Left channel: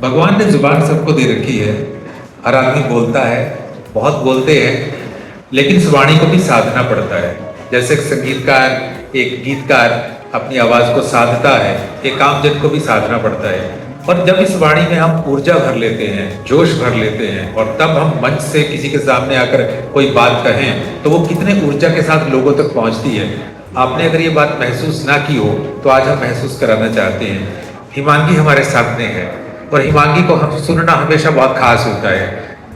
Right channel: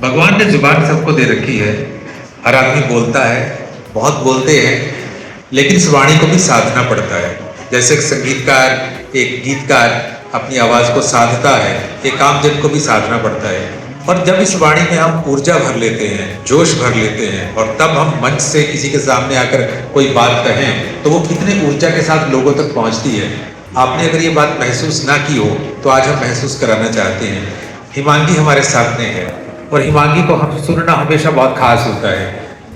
भगवान ने जुबान सबको दे रखी है। हर आदमी बोलता है, बहुत बोलते हैं, लेकिन इस वाणी को भी साधना पड़ता है। जैसे एक संगीतकार, एक गीतकार अपनी आवाज़ को साधता है, ये काम जन को भी साधना पड़ता है। और जब इस वाणी में हम ऊर्जा भर लेते हैं, जोश भर लेते हैं, और तब हम मंच से किसी के सामने आकर कोई बात कहें तो वो कितने ऊर्जा के साथ लोगों तक पहुंचती है। आपने अगर ये बात महसूस ना की हो तो आज हम महसूस कराना चाहते हैं। हिमांगी हमारे सामने है और हिमांगी को हम सुनना हमेशा बहुत खास होता है।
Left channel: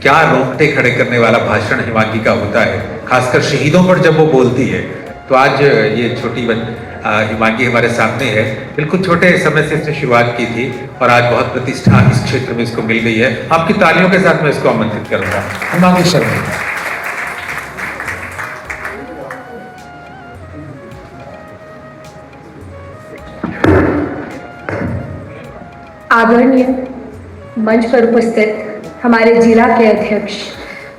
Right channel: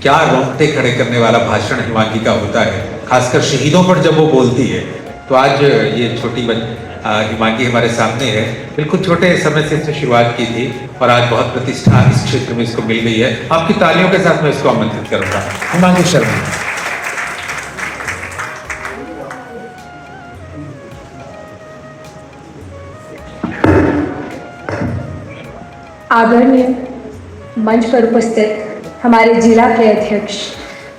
क्या रोंगटे खड़े करने वाला भाषण हिमांगी का होता है, खासकर शहीदों पर जब वो बोलती है। तो आज ये छोटी हिमांगी हमारे सामने है। बिल्कुल छोटे समय से इसने शुरुआत की थी और आज बहुत प्रतिष्ठा इस क्षेत्र में इसको मिल गई है। आपकी तालियों के साथ मैं इसको आमंत्रित करूंगा, हिमांगी शर्मा। आदरणीय मंच पर उपस्थित हमारे जिला के अध्यक्ष,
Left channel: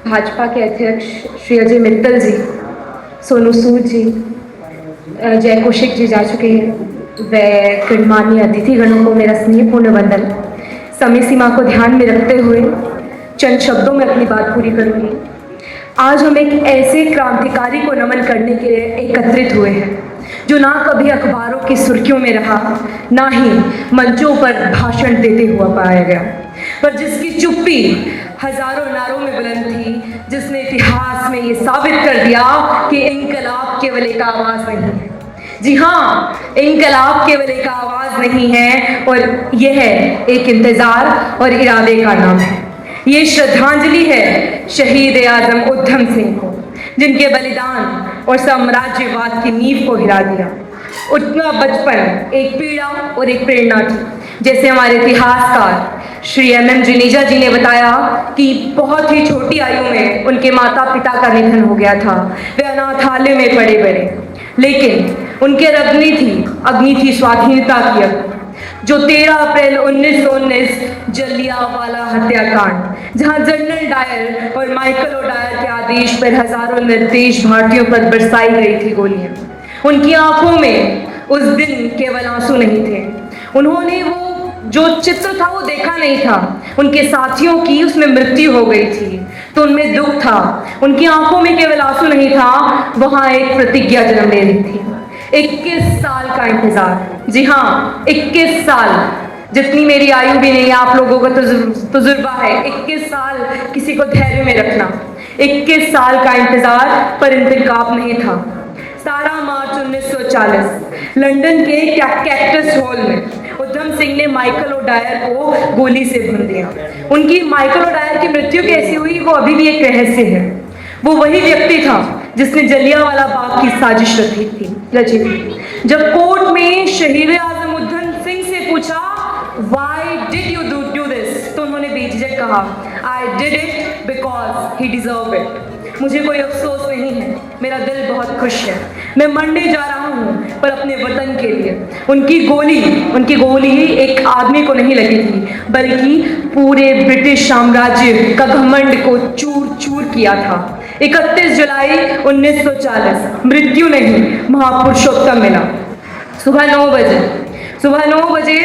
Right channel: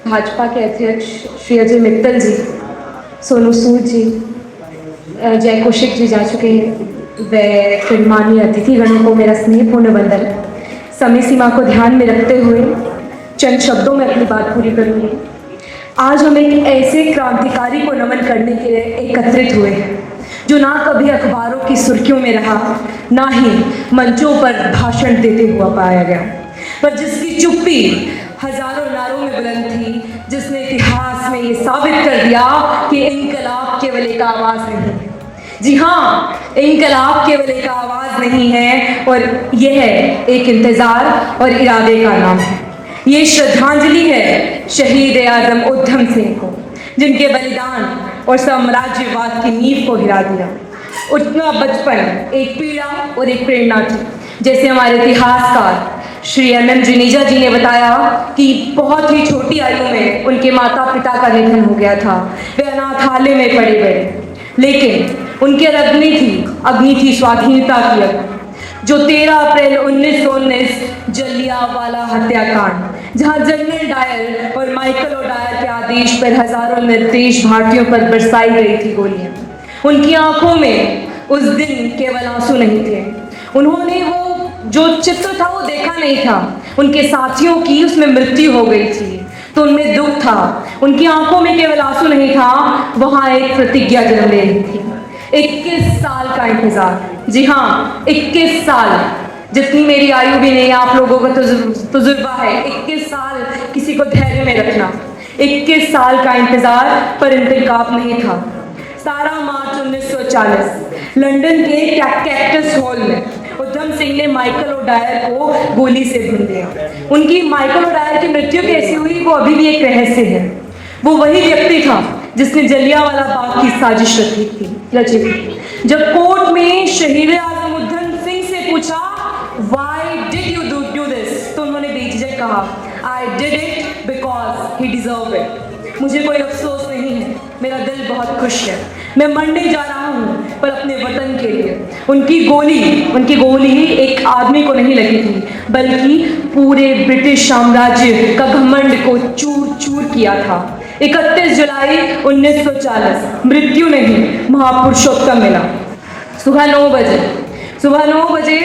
भाजपा के अध्यक्ष श्री अजय मित्तल जी, सोनू सूद जी, जय कौशिक जी जा चुके हैं। व गणमान्य अतिथिगणों को मेरा स्नेहपूर्ण वंदन। समय सीमा को ध्यान में रखते हुए चंद शब्दों में अपनी बात पूरी करूंगी। आज हम एक ऐसे क्रांतिकारी को नमन करने के लिए एकत्रित हुए हैं जो ना कभी अखबारों की सुर्खियों में रहा, ना ही मंचों पर भाषण देते हुआ पाया गया, पर जिसकी चुप्पी हजारों नारों में बुलंद थी, जिसने इतिहास में ये साबित कर दिया कि इनकलाब केवल एक आवाज़ नहीं है। जी हाँ, इनकलाब केवल एक आवाज़ नहीं है, और यह एक इंतज़ार और इरादे का नाम है। ये श्रद्धांजलि है शहीद आज़म उधम सिंह को, जिनके बलिदान और साम्राज्यवाद की नींव को हिला दिया। उनका बचपन एक पीड़ा और एक प्रेरणा थी। जैसे हमारे इतिहासकार श्री एम जुनेजा जी ने बताया कि बहुत ही छोटी आयु में उनके माता पिता का निधन हो गया था। वे अनाथालय में पड़े बड़े, लेकिन उनके अग्नि थी स्वाधीनता की अग्नि। जो 13 अप्रैल 1919 जलियांवाला हत्याकांड, जहां जनरल डायर और माइकल ओडायर के आदेश पर हजारों निर्देश भारतीयों पर बरसाई गई थी गोलियां। उनकी आंखों में उस दिन केवल आंसू नहीं थे। उन्होंने वो जो चित्र था वो देखा नहीं था। उनके साथियों की उसमें मृत्यु हो गई थी, तो उनमें दुख था। उनकी आंखों में केवल आंसू नहीं था, वहां एक प्रतिज्ञा जन्म ले रही थी। 21 साल का इंतजार। जी हाँ, 21 साल, जितनी मेरी आयु भी नहीं, आप लोगों का तजुर्बा है। 21 साल किसी को धैर्य में रखना। 21 साल का इंतजार, पर इंतकाब नहीं था। 17 मार्च 1940 लंदन के कैक्टस हॉल में उधम सिंह ने माइकल ओडायर को गोली से भून दिया। उनकी माइकल ओडायर की मृत्यु कैसी हुई वो अभी भी एक रहस्य है। वो वही व्यक्ति था जिसने जलियांवाला बाग की साजिश रची थी। जब कोर्ट में शहीद आज़म उधम सिंह से पूछा why did you do this, तो उन्होंने बेझिझक कहा I did it because he deserve it. मुझे कोई अफसोस नहीं है, मेरा दिल बहुत खुश है। मैं मरने जा रहा हूँ, पर अपने वतन के लिए। उनकी गोली एक आदमी को नहीं लगी थी, बल्कि पूरे ब्रिटिश साम्राज्य का घमंड को चूर चूर किया था। 31 जुलाई 1940 मृत्यु नहीं, महापुरुषोत्तम मिला। सुबह 9 बजे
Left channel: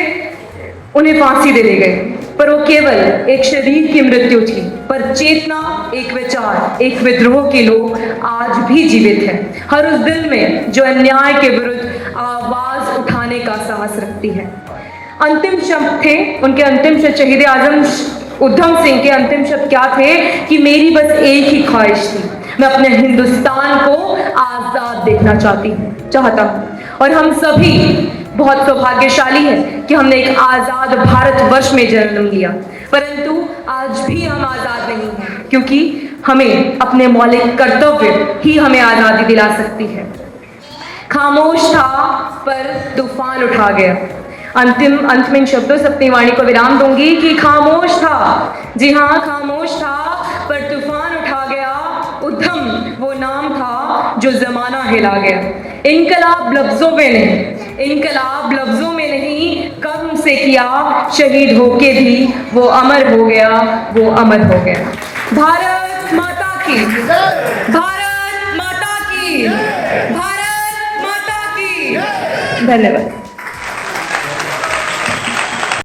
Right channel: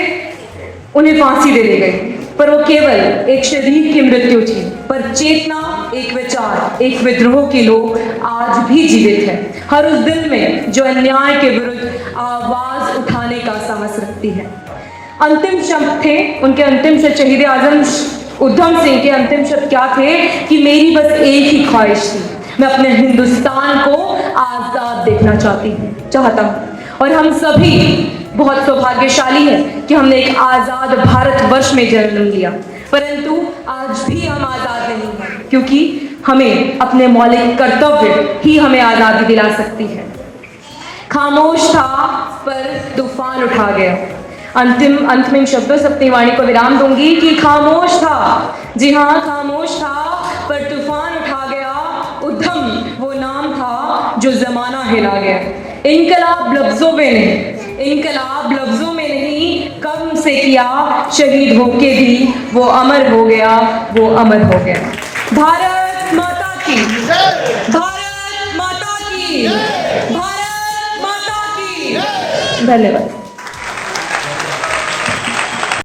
उन्हें फांसी दे दी गई, पर वो केवल एक शरीर की मृत्यु थी, पर चेतना, एक विचार, एक विद्रोह के लोग आज भी जीवित हैं। हर उस दिल में जो अन्याय के विरुद्ध आवाज उठाने का साहस रखती है। अंतिम शब्द थे उनके, अंतिम शब्द शहीद आज़म उधम सिंह के अंतिम शब्द क्या थे कि मेरी बस एक ही ख्वाहिश थी, मैं अपने हिंदुस्तान को आजाद देखना चाहता हूँ। और हम सभी बहुत सौभाग्यशाली हैं कि हमने एक आजाद भारतवर्ष में जन्म लिया, परंतु आज भी हम आजाद नहीं हैं, क्योंकि हमें अपने मौलिक कर्तव्य ही हमें आजादी दिला सकती है। खामोश था पर तूफान उठा गया। अंत में शब्दों से अपनी वाणी को विराम दूंगी कि खामोश था, जी हाँ खामोश था, पर तूफान उठा गया। उधम वो नाम था जो जमाना हिला गया। इनकलाब लफ्जों में नहीं, कर्म से किया, शहीद होके भी वो अमर हो गया। भारत माता की, भारत माता की, भारत माता की। धन्यवाद।